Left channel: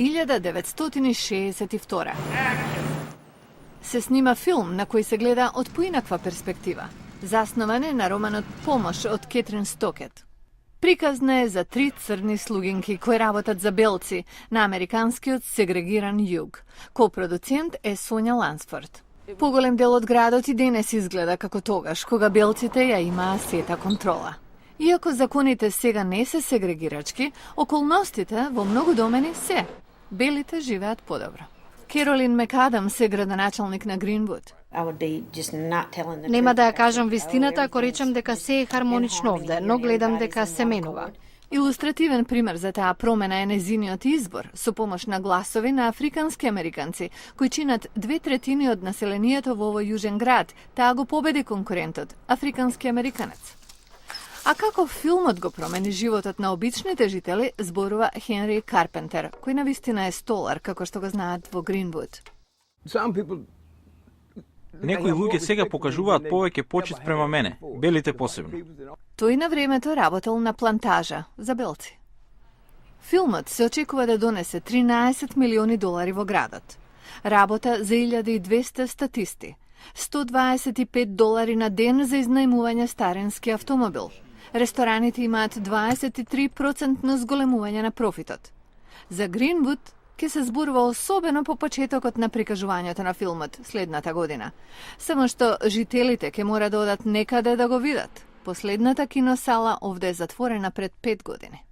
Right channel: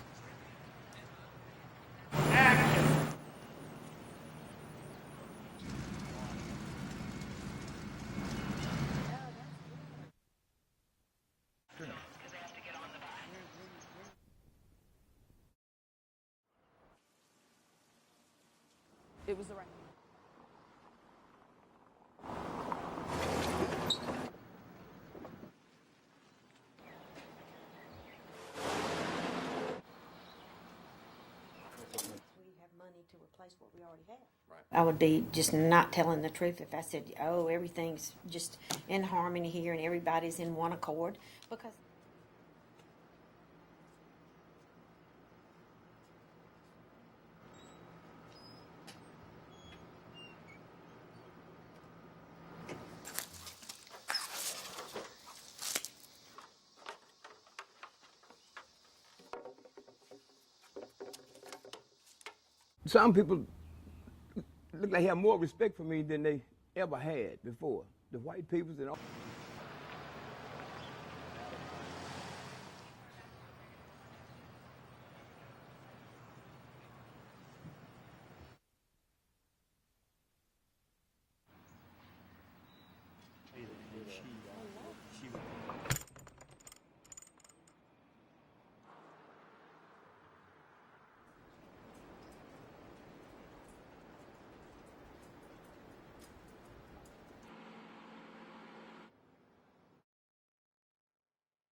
1962. Се снима филм на кој се гледа од поинаква перспектива. Заснован е на романот Помош од Кетрин Стокет. Приказна е за 3 црни слугинки кои работат за белци на американскиот сегрегиран југ. Копродуцент е Сонја Лансфорд. Поголем дел од градот и денес изгледа како тогаш, кога белците ја имаа сета контрола. Иако законите сега не се сегрегирачки, околностите во многу домени се. Белите живеат подобро. Керолин Мекадамс е градоначалник на Гринвуд. Нема да ја кажам вистината ако речем дека се е хармонично овде, но гледам дека се менува. Илустративен пример за таа промена е незиниот избор со помош на гласови на африкански американци, кои чинат 2/3 од населението во овој јужен град. Таа го победи конкурентот, африкански американец. А како филмот го промени животот на обичните жители, зборува Хенри Карпентер, кој навистина е столар, како што го знаат во Гринвуд. Некои луѓе сега покажуваат повеќе почит према мене, белите посебно. Тој на времето работел на плантажа за белци. Филмот се очекува да донесе $13 милиони во градот. Работа за 1200 статисти, $125 на ден за изнајмување старенски автомобил. Рестораните имаат 23% зголемување на профитот. За Гринвуд ќе се зборува особено по почетокот на прикажувањето на филмот следната година. Само што жителите ќе мора да одат некаде да го видат. Последната киносала овде е затворена пред 5 години.